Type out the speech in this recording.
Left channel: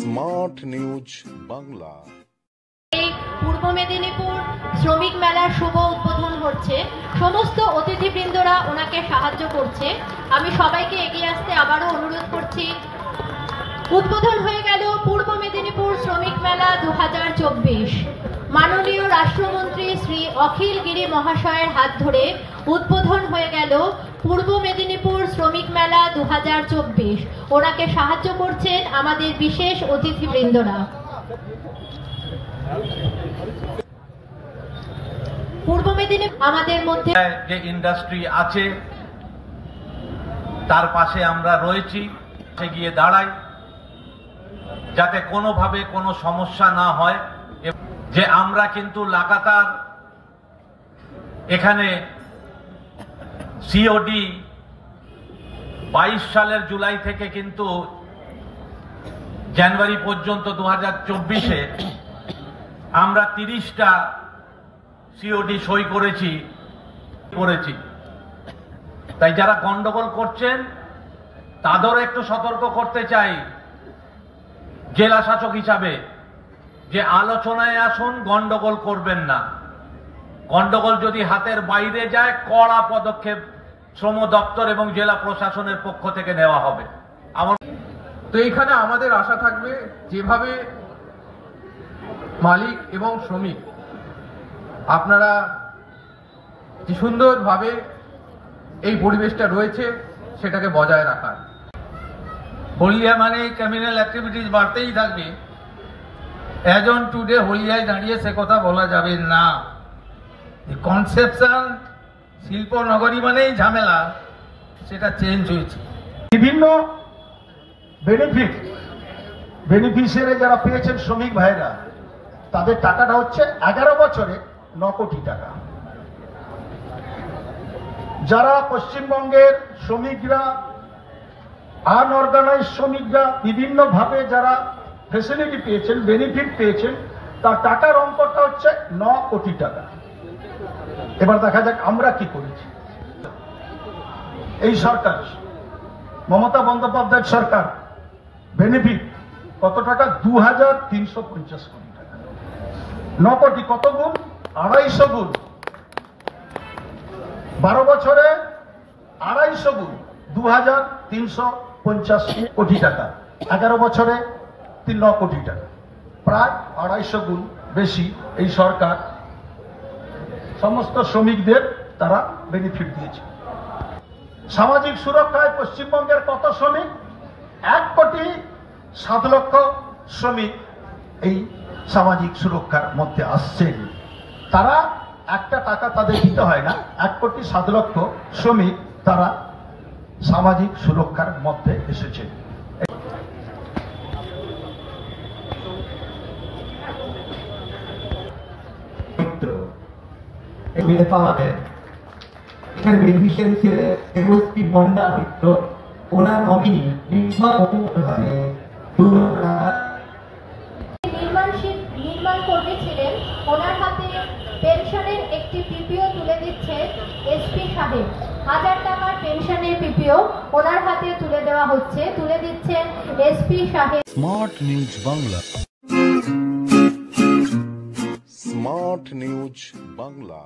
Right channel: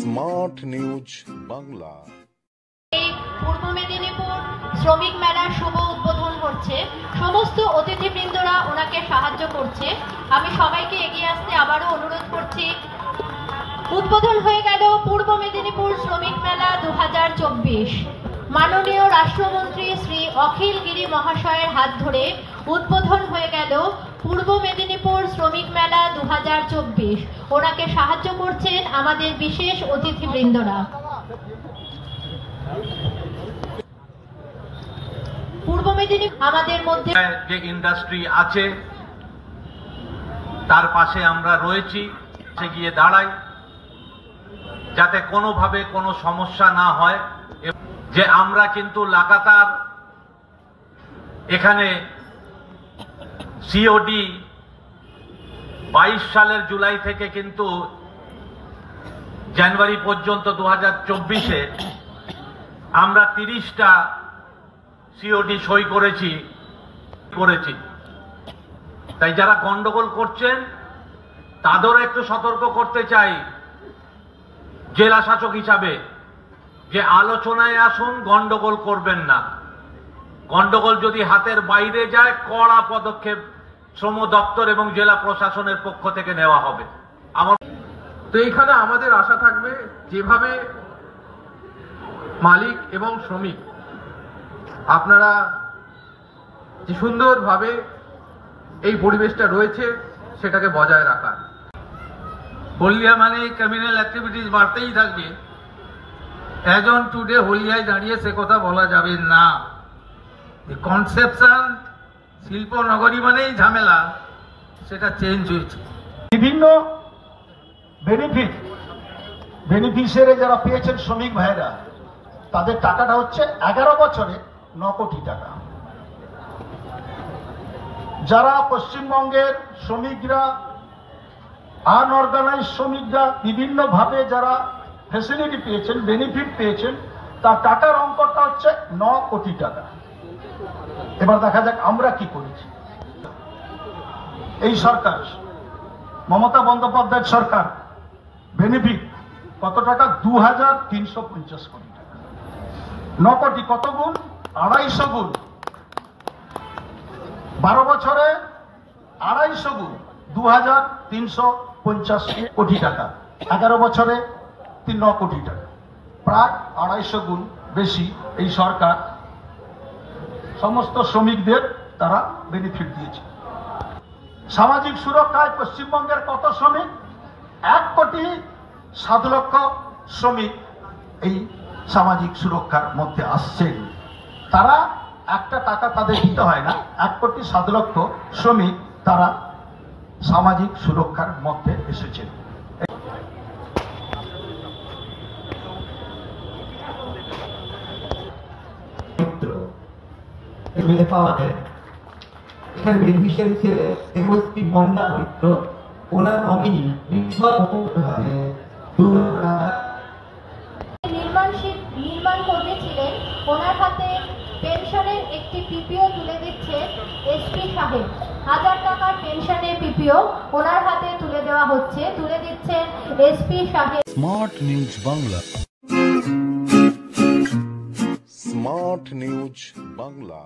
Smart news Bangla. পূর্ব মেদিনীপুর শ্রমিক মেলার শুভ উদ্বোধন হচ্ছে। সমস্ত অতিথিবৃন্দরা ওনাকে সাহায্য করছে। আমি সবাইকে এগিয়ে আসতে আবারও অনুরোধ করছি। উদ্বোধন হয়ে গেল পূর্ব মেদিনীপুর শ্রমিক মেলা 2024। মাননীয় রাষ্ট্রমন্ত্রী শ্রী অখিল গিরি মহাশয়ের হাত ধরে উদ্বোধন হয়ে গেল পূর্ব মেদিনীপুর শ্রমিক মেলা 2024। ওনাকে সাহায্য করছেন আমাদের বিশেষ অতিথিবৃন্দরা। পূর্ব মেদিনীপুর আমাদের মধ্যে যে ইন্ডাস্ট্রি আছে তার পাশে আমরা রয়েছি, গিয়ে দাঁড়াই যাতে কোনোভাবে কোনো সমস্যা না হয়। যে আমরা কিন্তু লাগাতার এখানে সিওডি 22 সালের জুলাই থেকে কিন্তু জানুয়ারি পর্যন্ত 2024-এ আমরা 30টা সিওডি সই করেছি। তাই যারা গন্ডগোল করছেন তাদেরও একটু সতর্ক করতে চাই জেলা শাসক হিসাবে, যে আলোচনায় আসুন, গন্ডগোল করবেন না। গন্ডগোল যদি হাতের বাইরে যায় কড়া পদক্ষেপ শ্রম দপ্তর এবং জেলা প্রশাসনের পক্ষ থেকে নেওয়া হবে। তো এখানে আমাদের আশা থাকবে যেভাবে মালিক এবং শ্রমিক আপনারা যে সুন্দরভাবে এই পরিবেশটা রয়েছে সেটাকে বজায় রাখা। হলদিয়া মানে ক্রিমিনাল অ্যাক্টিভিটিস বাড়তেই থাকবে। অ্যাজ অন টুডে হলদিয়ায় দাঁড়িয়ে সে কথা বলা যাবে না। কনসেপশন শিল্প নগরী মানেই ঝামেলা, সেটা চেঞ্জ হয়েছে। বিভিন্ন বেনিফিশিয়ারি যারা পেয়েছেন শ্রমিক ভাইরা, তাদের টাকাটা হচ্ছে 11 বছরে 9 কোটি টাকা। যারা পশ্চিমবঙ্গের শ্রমিকরা, আনঅর্গানাইজ শ্রমিকরা বিভিন্ন ভাবে যারা ফেসিলিটি পেয়েছেন, বেনিফিট পেয়েছেন, তার টাকার অঙ্কটা হচ্ছে 9 কোটি টাকা। এবার দেখা যাক আমরা কি করেছি। এই সরকার, মমতা বন্দ্যোপাধ্যায়ের সরকার, বেনিফিট কত টাকা? 2350 কোটি টাকা। 9 কোটি কত গুণ? 250 গুণ। 12 বছরে 250 গুণ 2350 কোটি টাকা। 11 বছরে 9 কোটি টাকা, প্রায় 250 গুণ বেশি এই সরকার সমস্ত শ্রমিকদের তারা বেনিফিট দিয়েছে। সামাজিক সুরক্ষায় পশ্চিমবঙ্গের কত শ্রমিক? 1,07,00,000 শ্রমিক এই সামাজিক সুরক্ষার মধ্যে আসছেন। তারা একটা টাকা তাদের দিতে হয় না। 1,07,00,000 শ্রমিক তারা সামাজিক সুরক্ষার মধ্যে এসেছেন। নির্মাণ কর্মী ছিলেন, ওনার হাতে পেনশনের একটি পিপিও তুলে দিচ্ছে এসপি সাহেব। 1000 টাকার পেনশনের পিপিও ওনার হাতে তুলে দেওয়া হচ্ছে, তুলে দিচ্ছেন এসপি সাহেব। Smart news Bangla. Smart news Bangla.